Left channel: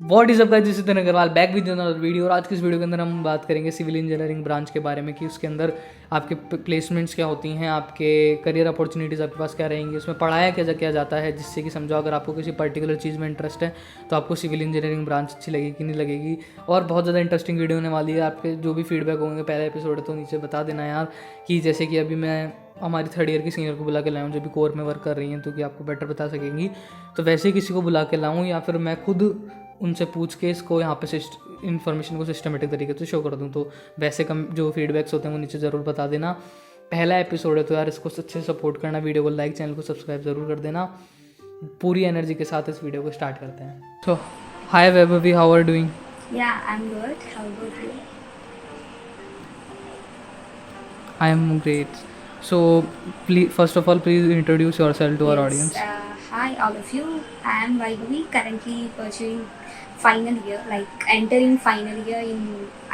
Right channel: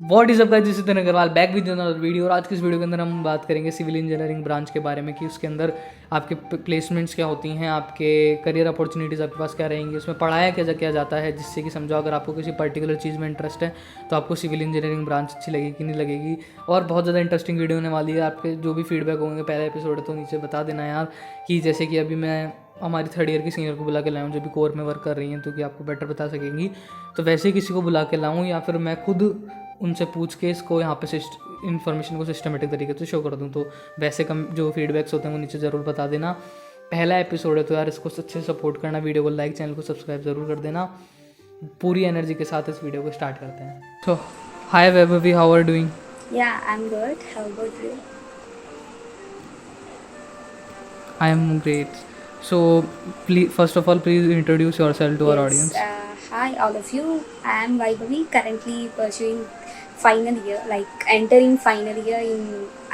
What is up guys, Nitin Agarwal back with another video. और आज की इस वीडियो के अंदर हम बात करेंगे सिविल इंजीनियरिंग ब्रांच के बारे में कि उसके अंदर आपके प्लेसमेंट्स क्या होती हैं, आपके करियर अपॉर्चुनिटीज़ आपके पास क्या रहेंगी, उसमें पढ़ाया क्या जाता है, जिससे कि समझो अगर आपको किसी पर्टिकुलर चीज़ में इंटरेस्ट है तो आपको सिविल इंजीनियरिंग ब्रांच अच्छी लगेगी कि नहीं लगेगी। और बहुत ज़्यादा इंटरेस्टिंग वीडियो होने वाली है। आपके जो भी फीडबैक होंगे, पहला एपिसोड है तो नीचे बता देना यार। कि जैसे कि अभी मैं हमारी थर्ड ईयर की सीनियर को बुला के लाऊं जो भी कोर में वर्क कर रही हैं, तो कि आपको बेटर बता सकेंगी। तो वैसे ही किसी को बुला के लाऊं या फिर मैं खुद उनसे पूछ के इसको यहाँ पे इन्फॉर्मेशन को सिस्टमेटिक तरीके से शो कर दूँ। तो वैसे कम जो फीडबैक्स होते हैं वो नीचे ज़रूर बता देना। पहला एपिसोड है तो यार इसको अच्छे से सपोर्ट करना, वीडियो को लाइक, चैनल को सब्सक्राइब ज़रूर कर देना। पूरी एनर्जी के साथ इस वीडियो को स्टार्ट करते हैं। तो hi Vaibhavi, how are doing? Yeah, I'm good. How about you? I am great. So please, first of all, please introduce yourself to our Yes. audience. Hi, all of you. I am Vaibhavi, currently pursuing final year, like entering final year in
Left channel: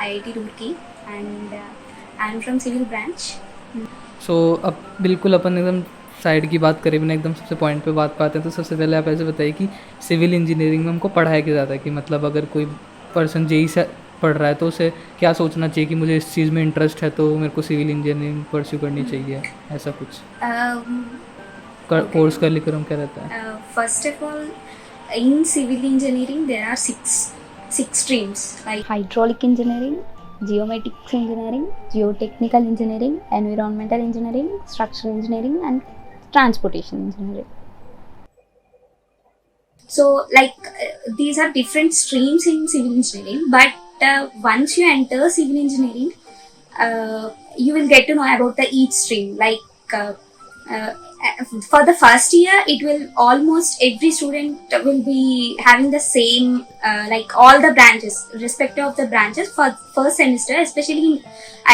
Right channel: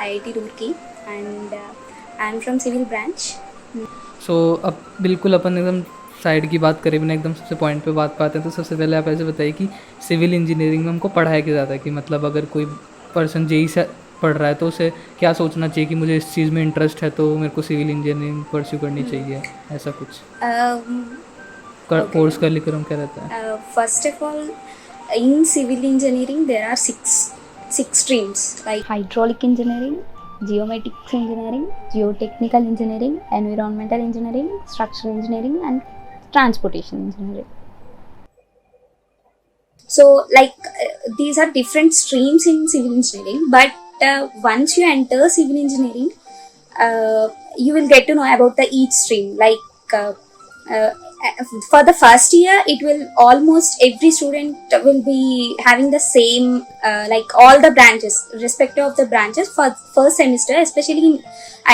IIT Roorkee, and I'm from civil branch. सो अब बिल्कुल अपन एकदम side की बात करें बिना एकदम सबसे point पे बात पाते हैं। तो सबसे पहले आप ऐसे बताइए कि सिविल इंजीनियरिंग में हमको पढ़ाया क्या जाता है, कि मतलब अगर कोई पर्सन जेई से पढ़ रहा है तो उसे क्या सोचना चाहिए कि मुझे इस चीज़ में इंटरेस्ट है तो मेरे को सिविल इंजीनियरिंग परस्यू करनी चाहिए, ऐसा कुछ Okay. कोर्स का लिखकर हम क्या रहता है? First of all, in civil engineering there are six streams like hydraulic engineering, geomatics engineering, geotechnical engineering, environmental engineering, structural engineering, and transportation engineering. So these are different streams in civil engineering, but once you enter civil engineering, you will get to know about the each stream. For the first year, it will almost every student will be having the same like all the branches, respective of the branches for first semester, especially in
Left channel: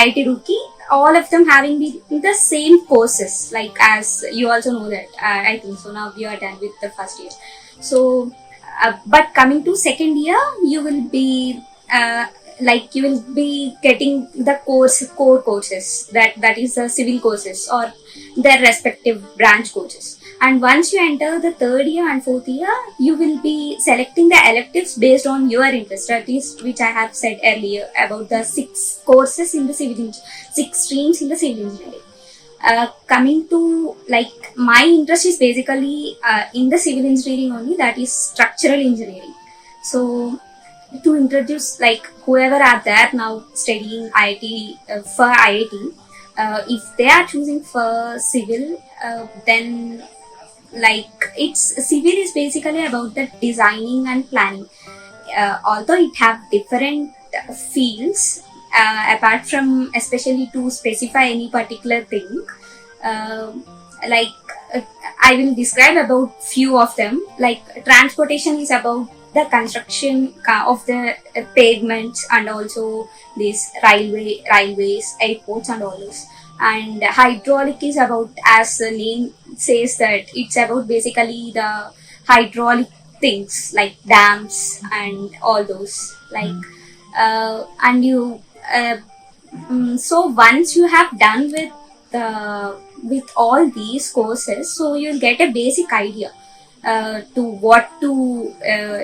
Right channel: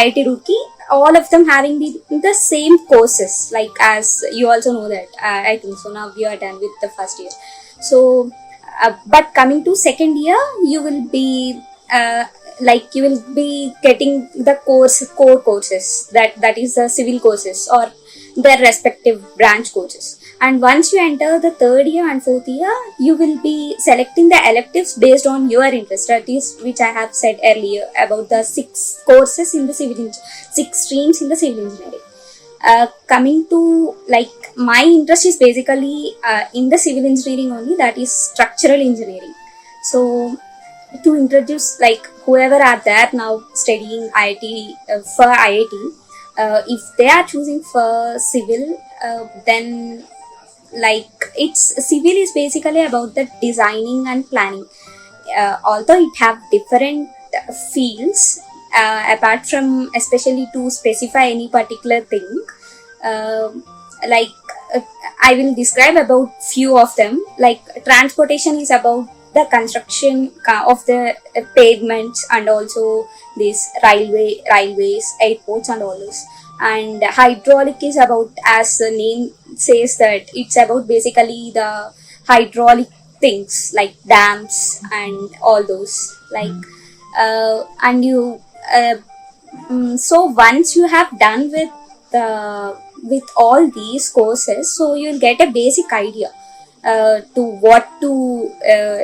IIT Roorkee, all of them having the same courses. Like as you also know that I think so. Now we are done with the first year. So, but coming to second year, you will be you will be getting the core courses, that is the civil courses or their respective branch courses. And once you enter the third year and fourth year, you will be selecting the electives based on your interest, that is which I have said earlier about the six courses in the six streams in the civil engineering. Coming to like my interest is basically in the civil engineering only, that is structural engineering. So to introduce like whoever are there now studying IIT for IIT, if they are choosing for civil, then like it's civil is basically about the designing and planning. Although it have different fields, apart from especially to specify any particular thing, uh, like I will describe about few of them. Like transportation is about the construction of the pavements and also these railways, airports and all this. And hydraulic is about, as the name says, that it's about basically the hydraulic things like dams and all those and you so once you have done with all these courses, so you'll get a basic idea to what to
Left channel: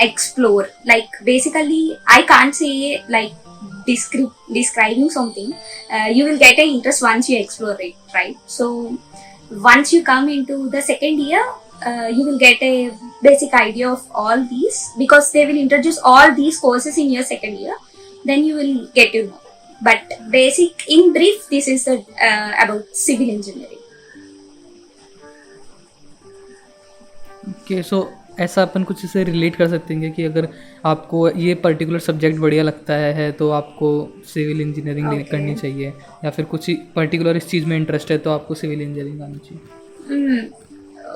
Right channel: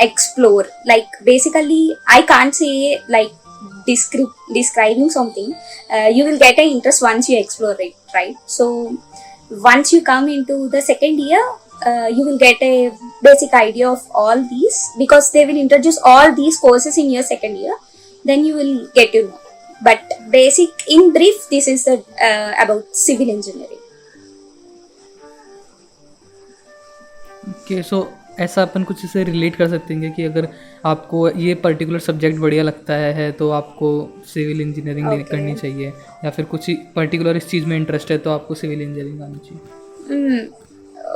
explore. Like basically I can't say like describing something. You will get an interest once you explore it, right? So once you come into the second year, you will get a basic idea of all these, because they will introduce all these courses in your second year. Then you will get to know. But basic, in brief, this is the about civil engineering. Okay, so ऐसा अपन कुछ इसे relate कर सकते हैं कि अगर आपको ये पर्टिकुलर सब्जेक्ट बढ़िया लगता है तो आपको सिविल इंजीनियरिंग करनी चाहिए, या फिर कुछ पर्टिकुलर इस चीज़ में इंटरेस्ट है तो आपको सिविल इंजीनियरिंग आनी चाहिए।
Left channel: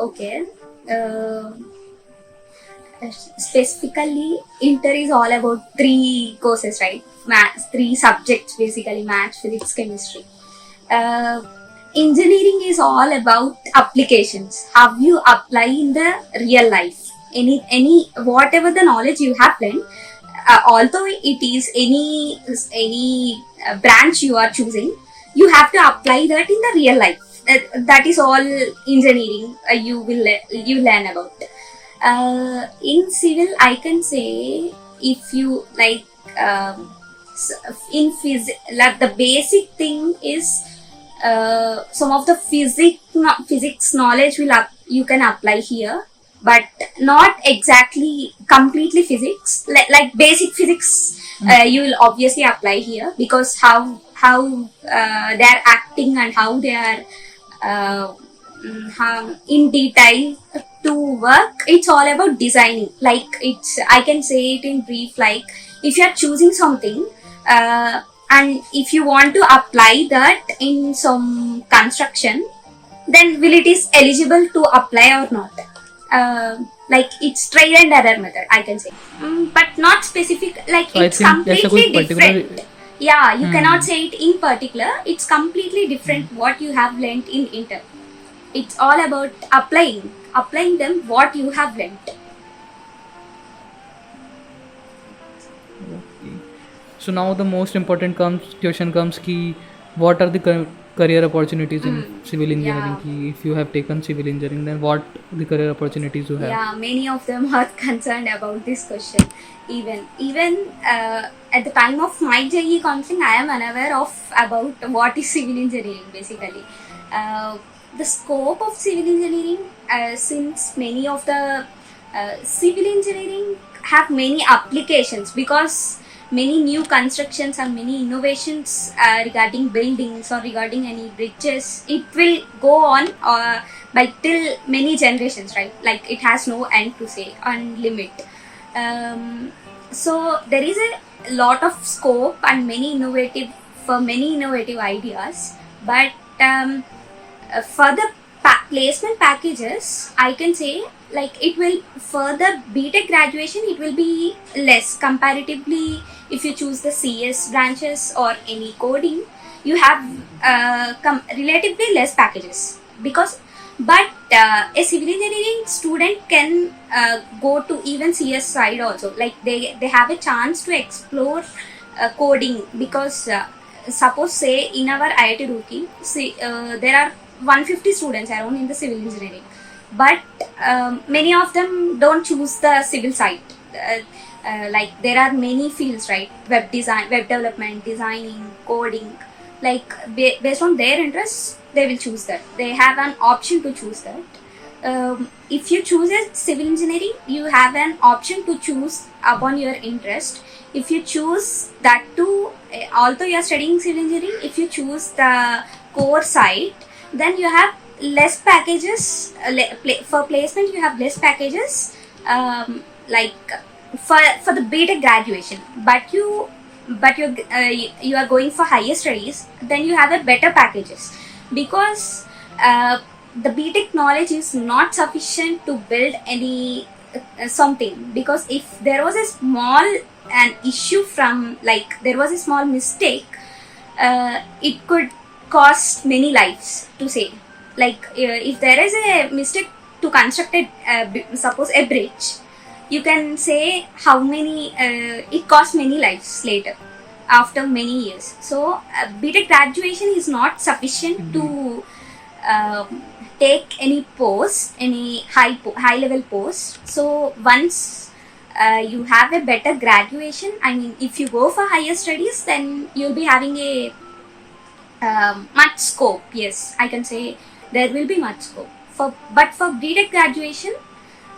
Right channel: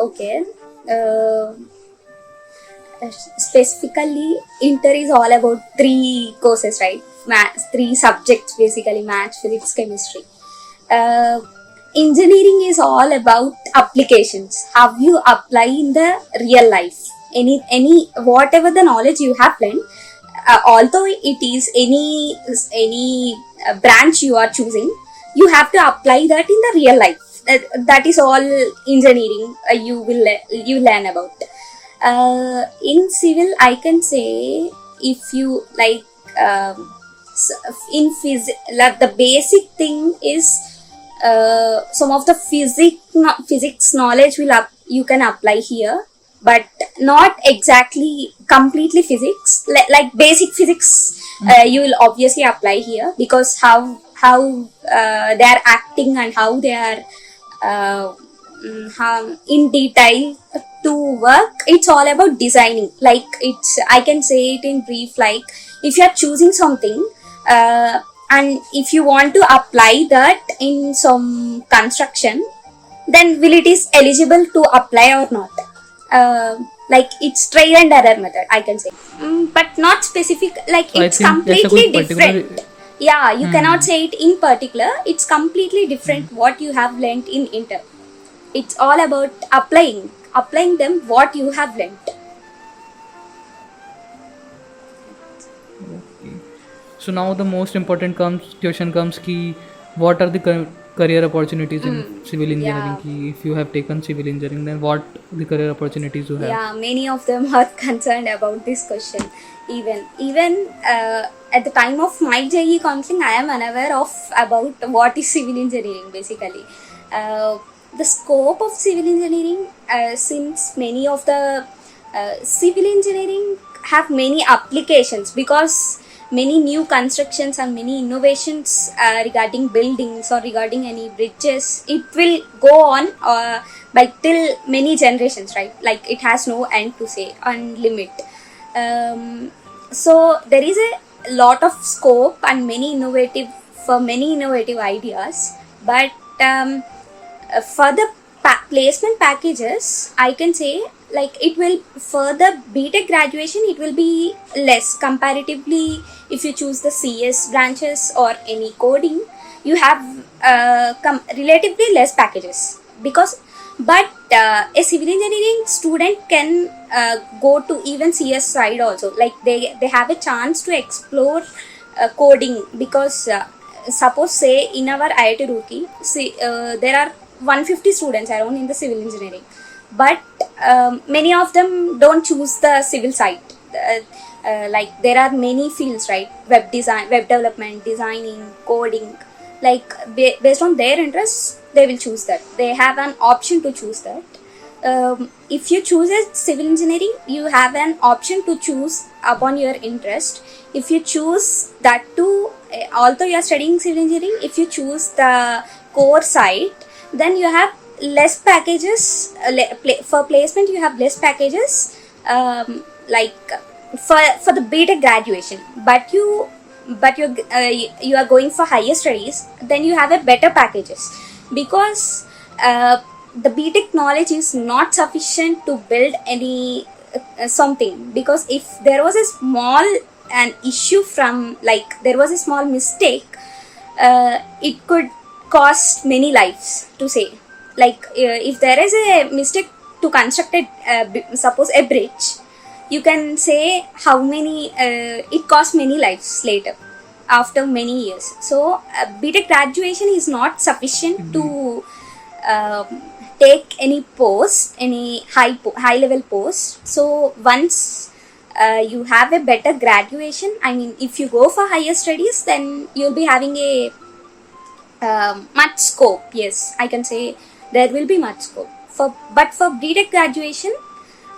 Okay. Specifically, inter is all about three courses, right? Three subjects basically: maths, physics, chemistry. Engineering is all about applications, how you apply in the real life any whatever the knowledge you have learned, although it is any branch you are choosing, you have to apply that in the real life. That is all engineering you learn about. In civil, I can say, if you like, in like the basic thing is some of the physics knowledge you can apply here, but not exactly completely physics. Like basic physics, you will obviously apply here, because how they are acting and how they are uh, how in detail to work. It's all about designing. Like, it's, I can say it in brief, like, if you are choosing something, and if you want to apply that in some construction, then will it is eligible to apply or not. Like, it's trial and error method, I can say. But not specific, like, So I it's think ऐसा कोई completely particular different. Yeah, you cannot say it in particular. It's completely different what you have learned in inter. It's all about applying them what you have learnt. okay. So now the most important question comes ki what are the career opportunities in civil engineering? Yeah. Ki if you have taken civil engineering, then what the career opportunities you have? Yeah, many of them are concerned about this question. Even at the time of my JE counseling, I am unaware of about what is civil engineering basically. The scope of civil engineering, since many of the civil engineering have many applications, because many new constructions and many innovations regarding buildings or regarding any bridges, it will go on by till many generations, right? Like, it has no end to say and limit. So there is a lot of scope and many innovative ideas, but for the placement packages, I can say, like, it will, for the BTech graduation, it will be less comparatively. If you choose the CS branches or any coding, you have relatively less packages, because, but a civil engineering student can go to even CS side also. Like, they have a chance to explore coding, because suppose, say, in our IIT Roorkee, see, there are 150 students around in the civil engineering, but many of them don't choose the civil side. Like, there are many fields, right? Web design, web development, designing, coding. Like, based on their interests, they will choose that. They have an option to choose that. If you choose a civil engineering, you have an option to choose upon your interest. If you choose that too, although you are studying civil engineering, if you choose the core side, then you have less packages. For placement, you have less packages, like, for the BTech graduation. But you are going for higher studies, then you have a better packages, because the BTech knowledge is not sufficient to build any something. Because if there was a small an issue from, like, there was a small mistake, it could cost many lives, to say. Like, if there is a mistake to construct suppose a bridge, you can say how many it costs many lives later, after many years. So BTech graduation is not sufficient to take any post, any high level post. So once you have a better graduation, I mean, if you go for higher studies, then you'll be having a much scope. Yes, I can say there will be much scope. But for BTech graduation,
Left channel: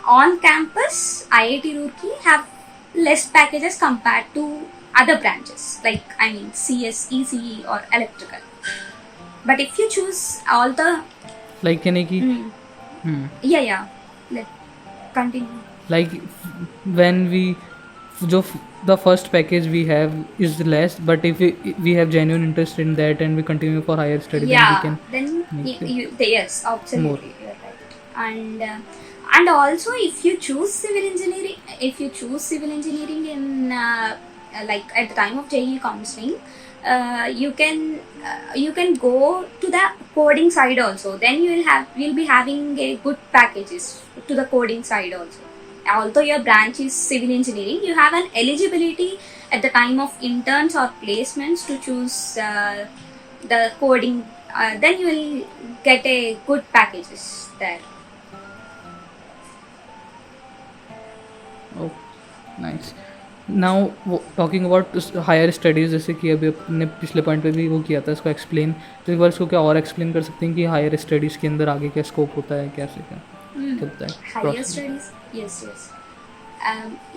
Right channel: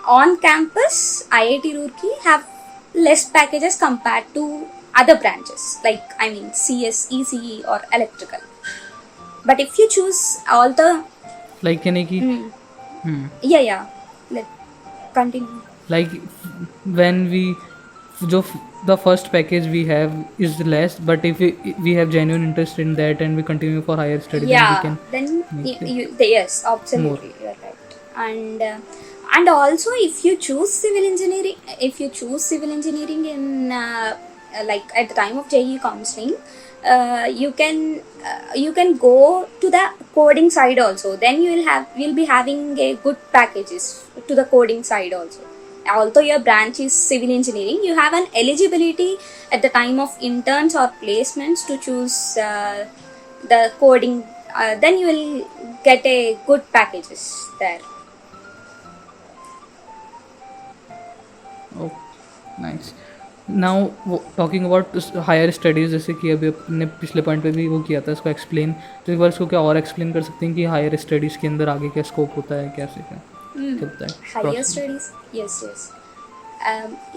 on campus, IIT Roorkee have less packages compared to other branches, like, I mean, CS, ECE or electrical. But if you choose all the Like यानी कि yeah, let continue. like when we the first package we have is less, but if we have genuine interest in that and we continue for higher study, then we Yeah, can then make it yes, absolutely, you're right. And also, if you choose civil engineering, in like, at the time of JE counseling, you can go to the coding side also. Then you'll be having a good packages to the coding side also. Although your branch is civil engineering, you have an eligibility at the time of interns or placements to choose the coding. Then you will get a good packages there. Oh nice. Now talking about higher studies, जैसे कि अभी अपने पिछले point पे भी वो किया था इसको एक्सप्लेन, तो एक बार इसको क्या और एक्सप्लेन कर सकते हैं कि हायर स्टडीज़ के अंदर आगे क्या स्कोप होता है, कैसे क्या क्या होता है Higher process. studies, yes, yes.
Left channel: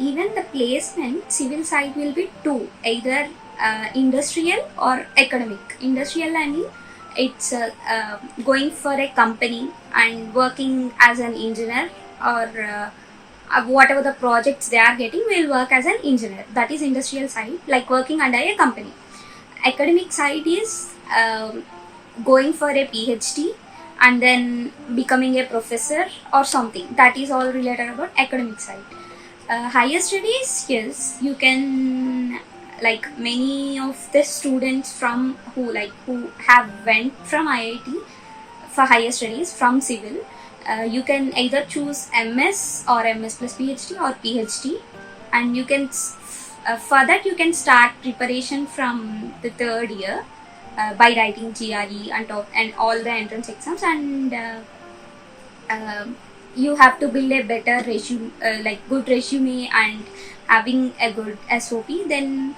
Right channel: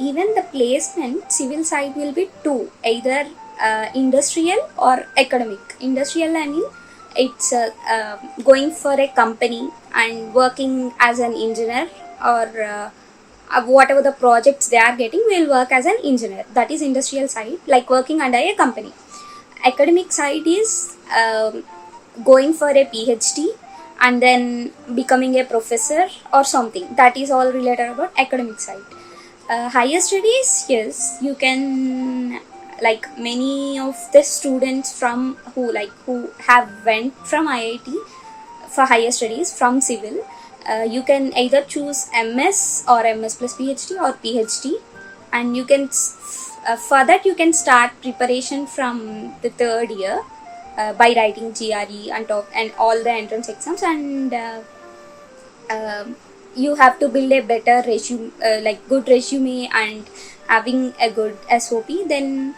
Even the placement, civil side will be two, either industrial or academic. Industrial, I mean, it's going for a company and working as an engineer, or whatever the projects they are getting will work as an engineer. That is industrial side, like working under a company. Academic side is going for a PhD and then becoming a professor or something. That is all related about academic side. Higher studies, yes, you can, like many of the students from who have went from IIT for higher studies from civil, you can either choose MS or MS plus PhD or PhD, and you can for that you can start preparation from the third year by writing GRE and all the entrance exams, and you have to build a better resume, like good resume and having a good SOP. Then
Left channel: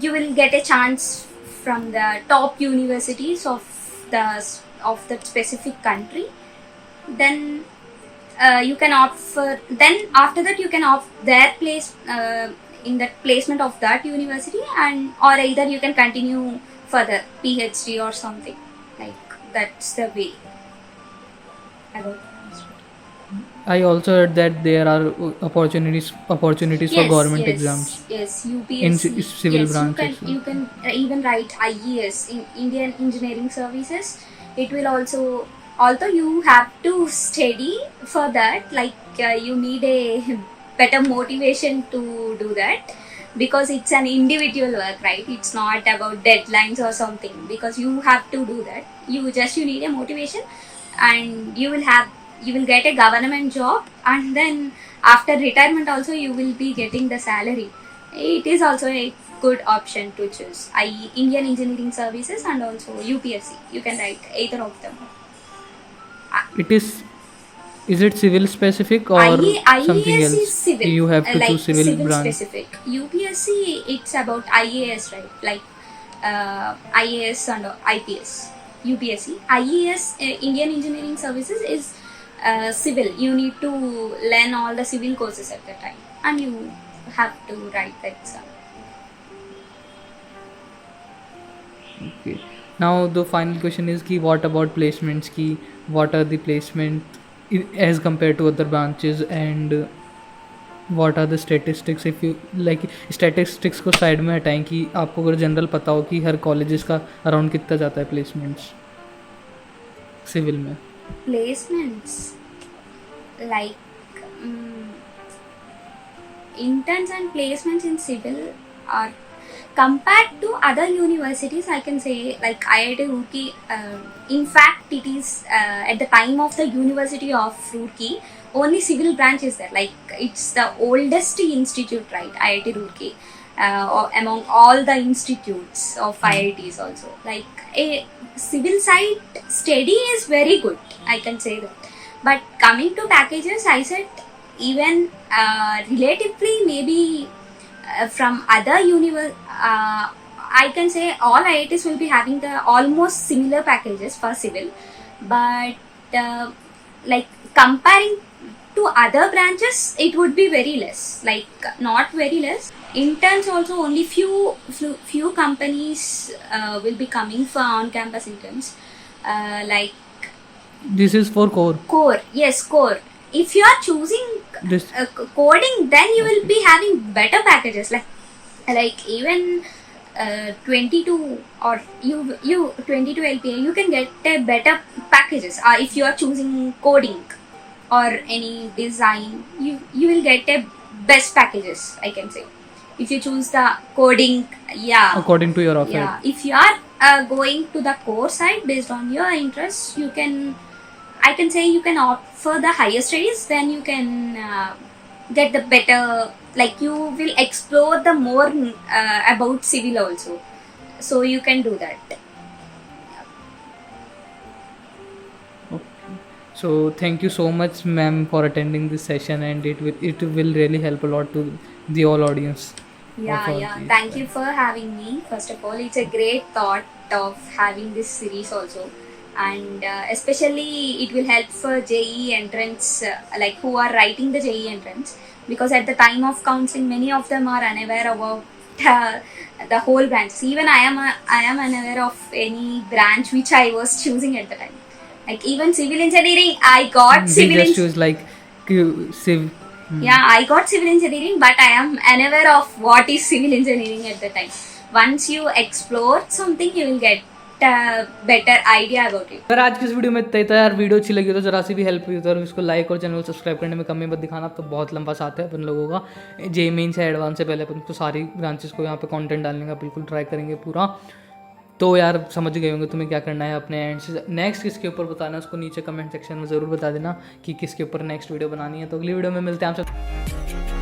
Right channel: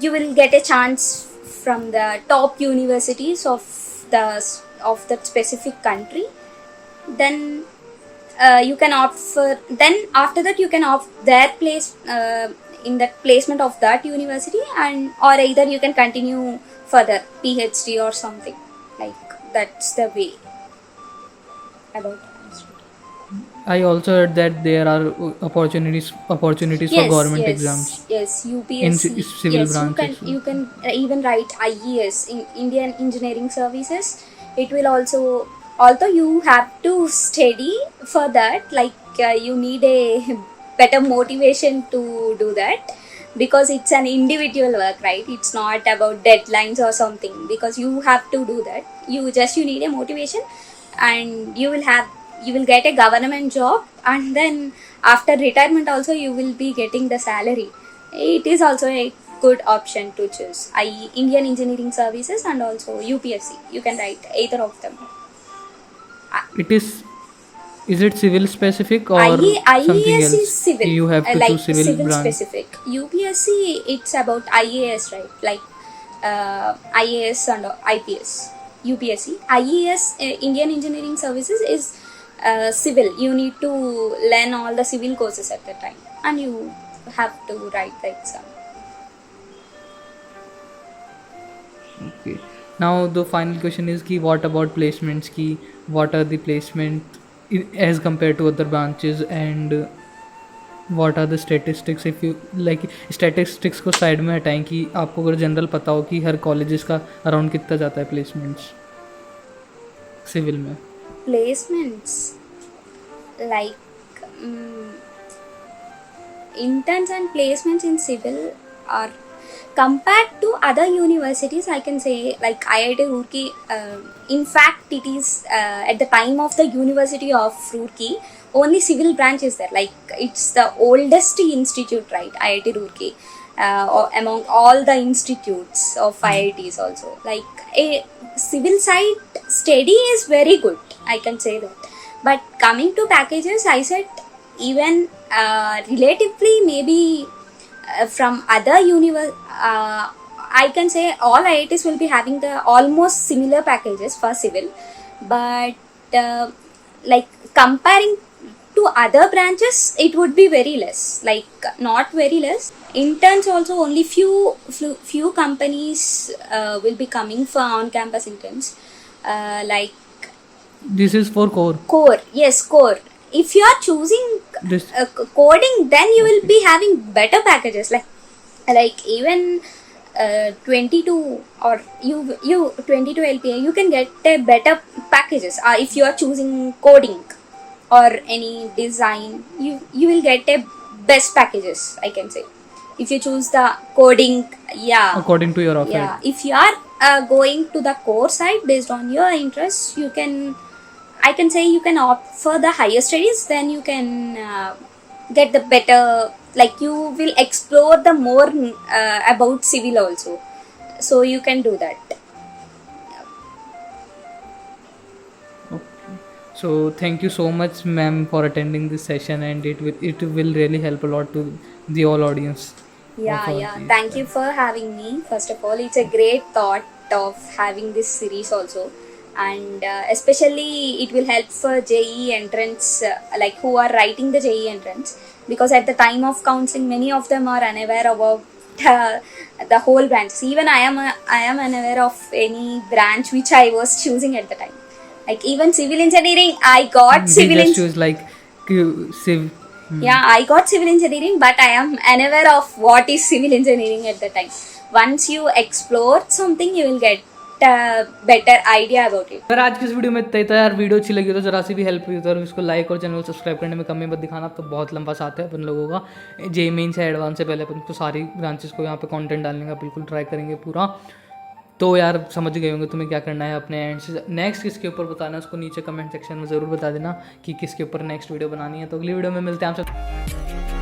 you will get a chance from the top universities the of that specific country. Then you can opt for, then after that you can opt their place in that placement of that university, and or either you can continue further PhD or something, like that's the way about. I also heard that there are opportunities for Yes, government yes, exams yes, in UPSC. civil Yes, branch as well. you can even write IES in Indian Engineering Services. It will also, although you have to study for that, like you need a better motivation to do that, because it's an individual work, right? It's not about deadlines or something, because you have to do that. You need a motivation, and you will get a government job, and then after retirement also you will be getting the salary. It is also a good option to choose, i.e. Indian Engineering Services and also UPSC. You can write either of them. It is it civil specific or something IES is else? civil, You have to choose like civil civil branch. specific. UPSC, it's about IAS, right? Like IAS and IPS. UPSC. IES, Indian Engineering Services, is civil. You need to learn all the civil courses at that time, and you have to write the exam. Okay. Now the final question is ki what about placements ki, what are the placement as compared to other branches, and what are the statistics, if you like statistics को side में हटाएं कि आपको अगर general पता हो कि हर colleges का अराउंड कितना जाता है प्लेसमेंट्स सिविल में. Placements, like interns and placements in civil are, compared to other universities, I can say, like IIT Roorkee. In fact, it is at the time of the University of Roorkee, only civil branch is there. Like it's the oldest institute, right? IIT Roorkee, or among all the institutes of IITs also. Like a civil side study is very good, I can say that. But coming to packages, I said, even relatively maybe from other I can say all IITs will be having the almost similar packages for civil, but like comparing to other branches, it would be very less. Like not very less. Interns also, only few companies will be coming for on-campus interns. Like This is for core. core, yes, core. If you are choosing This coding, then you will Okay. be having better packages, like even 22 or you 22 LPA, you can get better packages if you are choosing coding or any design. You will get a best packages, I can say, if you choose the coding. Yeah, according to your offer. yeah. If you are going to the core side based on your interests, you can, I can say, you can opt for the higher studies. Then you can get the better, like you will explore the more about civil also, so you can do that. Okay. So thank you so much, ma'am, for attending this session, and it will really help a lot to the all audience. Yeah, of yeah. these Thank you for having me. First of all, it's a great thought of having this series also, and especially it will help for JEE entrance, like who are writing the JEE entrance, because at the time of counseling, many of them are unaware about the whole branch. Even I am unaware of any branch which I was choosing at the time. Like even civil engineering, I got we civil just engineering. choose like civ. Yeah, I got civil engineering, but I am unaware of what is civil engineering at the time. Once you explore something, you will get a better idea about it. अगर आज की इस video में इतना ही था यार, video अच्छी लगी तो जरा सी भी हेल्प हुई तो इसको लाइक और चैनल सब्सक्राइब करने में कमी मत दिखाना। अब तो बहुत लंबा साथ है अपन लोगों का, जे मेन से एडवांस से पहले अपन को सारी ब्रांचेस को यहाँ पे कंटेंट डालने का बिल्कुल ट्राई करेंगे पूरा। तो यार समझ गए होंगे तुम्हें क्या करना है अपने एंड से। नेक्स्ट किसके ऊपर बताना है उसको नीचे कमेंट सेक्शन में ज़रूर बता देना कि किसके ऊपर नेक्स्ट वीडियो बनानी है। तो अगली वीडियो में मिलते हैं आप सब।